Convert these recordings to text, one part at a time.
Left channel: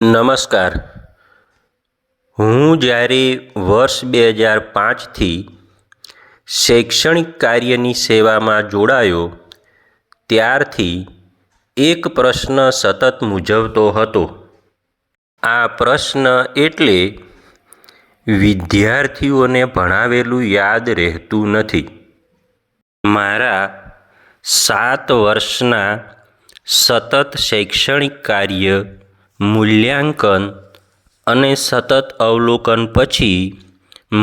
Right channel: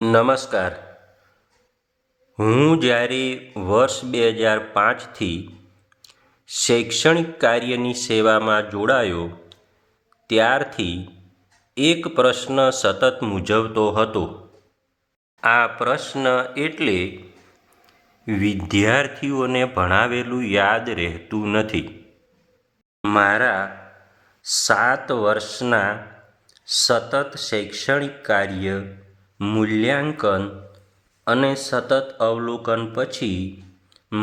નમસ્કાર. હું જ્યારે વર્ષ 2005થી શૈક્ષણિક કાર્યની સેવામાં જોડાયો ત્યારથી એક પ્રશ્ન સતત મૂંઝવતો હતો. આ પ્રશ્ન એટલે વિદ્યાર્થીઓને ભણાવેલું યાદ રહેતું નથી. મારા 7 વર્ષના સતત શૈક્ષણિક કાર્ય, મૂલ્યાંકન અને સતત અવલોકન પછી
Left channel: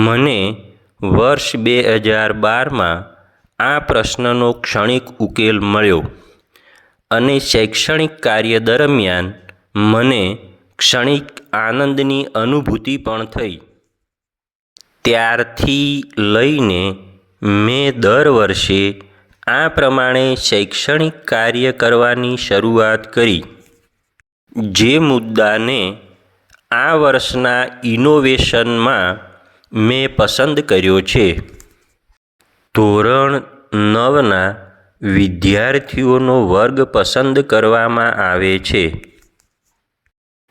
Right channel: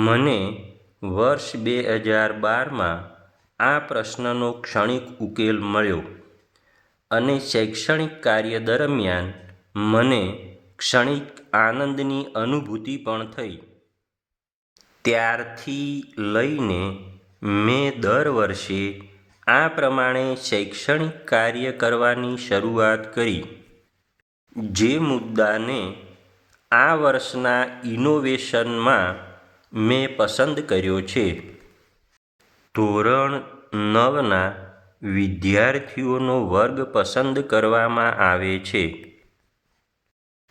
મને વર્ષ 2012માં આ પ્રશ્નનો ક્ષણિક ઉકેલ મળ્યો અને શૈક્ષણિક કાર્ય દરમિયાન મને ક્ષણિક આનંદની અનુભૂતિ પણ થઈ. ત્યારથી લઈને મેં દર વર્ષે આ પ્રમાણે શૈક્ષણિક કાર્ય કરવાની શરૂઆત કરી. જે મુદ્દાને આ વર્ષના ઇનોવેશનમાં મેં પસંદ કર્યો છે. ધોરણ 9ના વિદ્યાર્થીઓનો વર્ગ પસંદ કરવામાં આવે છે.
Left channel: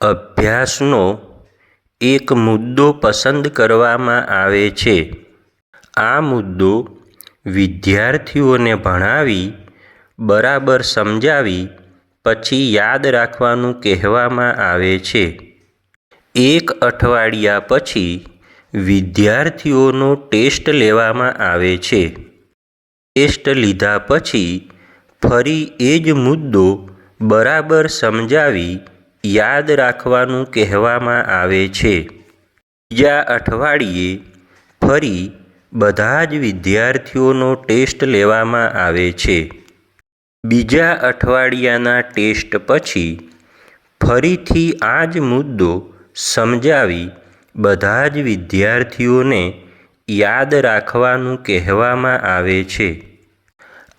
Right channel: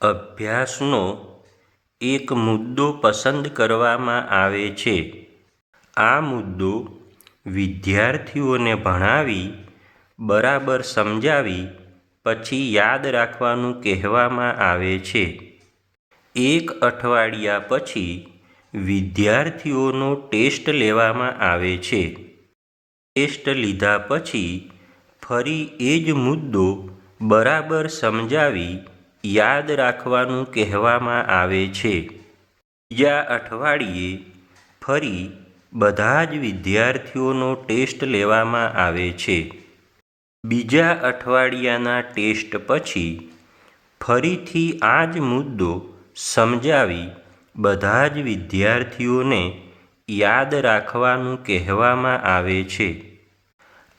અભ્યાસનો એક મુદ્દો પસંદ કરવામાં આવે છે. આ મુદ્દો વિદ્યાર્થીઓને ભણાવી, બરાબર સમજાવી પછી યાદ રાખવાનું કહેવામાં આવે છે. 1 અઠવાડિયા પછી વિદ્યાર્થીઓનો ટેસ્ટ લેવામાં આવે છે. ટેસ્ટ લીધા પછી ફરી એ જ મુદ્દો બરાબર સમજાવી યાદ રાખવાનું કહેવામાં આવે છે. બીજા અઠવાડિયે ફરી બધા જ વિદ્યાર્થીઓનો ટેસ્ટ લેવામાં આવે છે. બીજા અઠવાડિયાના ટેસ્ટ પછી ફરીથી આ જ મુદ્દો સમજાવી બધા જ વિદ્યાર્થીઓને યાદ રાખવાનું કહેવામાં આવે છે.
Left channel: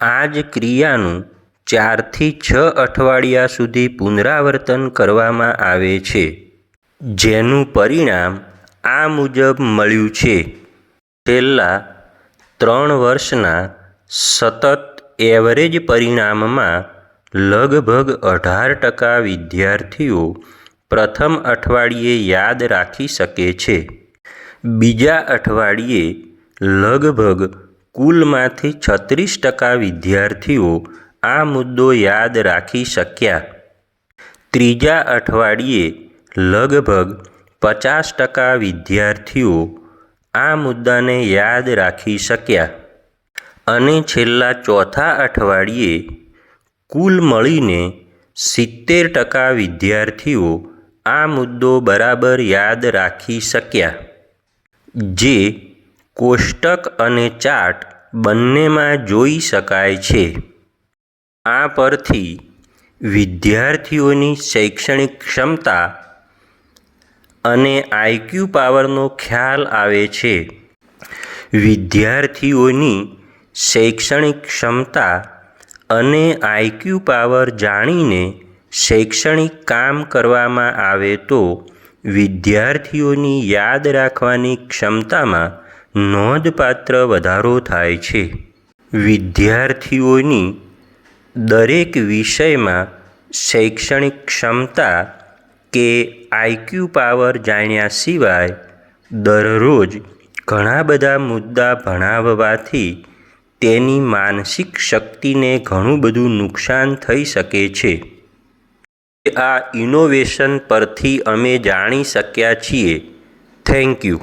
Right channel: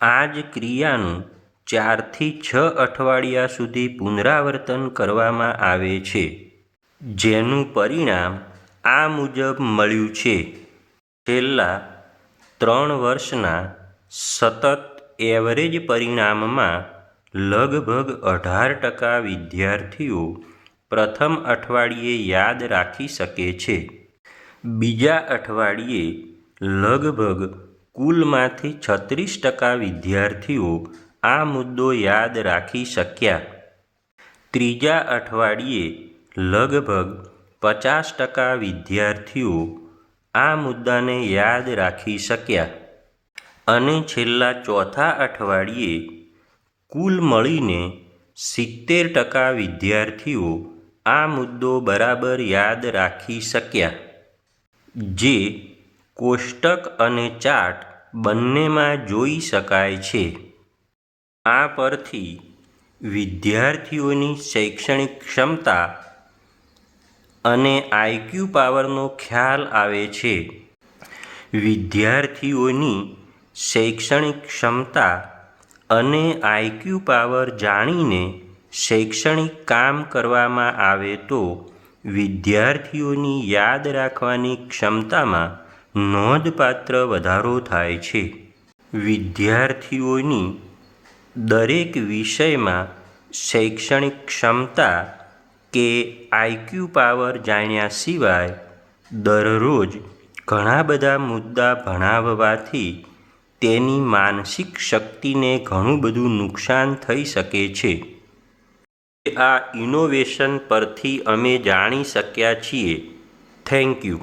આ જ ક્રિયાનું 4 થી 6 અઠવાડિયા સુધી પુનરાવર્તન કરવામાં આવે છે. જેનું પરિણામ આ મુજબ મળ્યું છે. છેલ્લા 3 વર્ષના સતત એવરેજ પરિણામમાં લગભગ 18% વિદ્યાર્થીઓ પ્રથમ અઠવાડિયે યાદ રાખી શકે છે. બીજા અઠવાડિયે લગભગ કુલમાંથી 36% વિદ્યાર્થીઓ આ મુદ્દો યાદ રાખી શક્યા. ત્રીજા અઠવાડિયે લગભગ 50% વિદ્યાર્થીઓ આ મુદ્દાને યાદ રાખી શક્યા. અને છેલ્લા ચોથા અઠવાડિયે કુલ મળીને 70% વિદ્યાર્થીઓ આ મુદ્દો બરાબર યાદ રાખી શક્યા. જે કોષ્ટક અને ચાર્ટ બંનેમાં જોઈ શકાય છે. આ પરથી વિદ્યાર્થીઓની શૈક્ષણિક ક્ષમતા અને આઈક્યુ પાવરનો ખ્યાલ આવે છે. વિદ્યાર્થીઓની શૈક્ષણિક ક્ષમતા અને આઈક્યુ પાવર જાણીને શૈક્ષણિક કામ કરવામાં આવે તો વિદ્યાર્થીઓની યાદ રાખવાની ક્ષમતામાં નોંધપાત્ર વધારો થાય છે. વિદ્યાર્થીઓની દરેક વિષયમાં શૈક્ષણિક ક્ષમતા કે આઈક્યુ પાવર જાણ્યા સિવાય દરરોજ ઘણા બધા મુદ્દા ભણાવવાથી તેની માનસિક શક્તિને ઘણું બધું નુકસાન થઈ શકે છે. આ ઇનોવેશન પરથી અમે જાણી શક્યા છીએ. Thank you.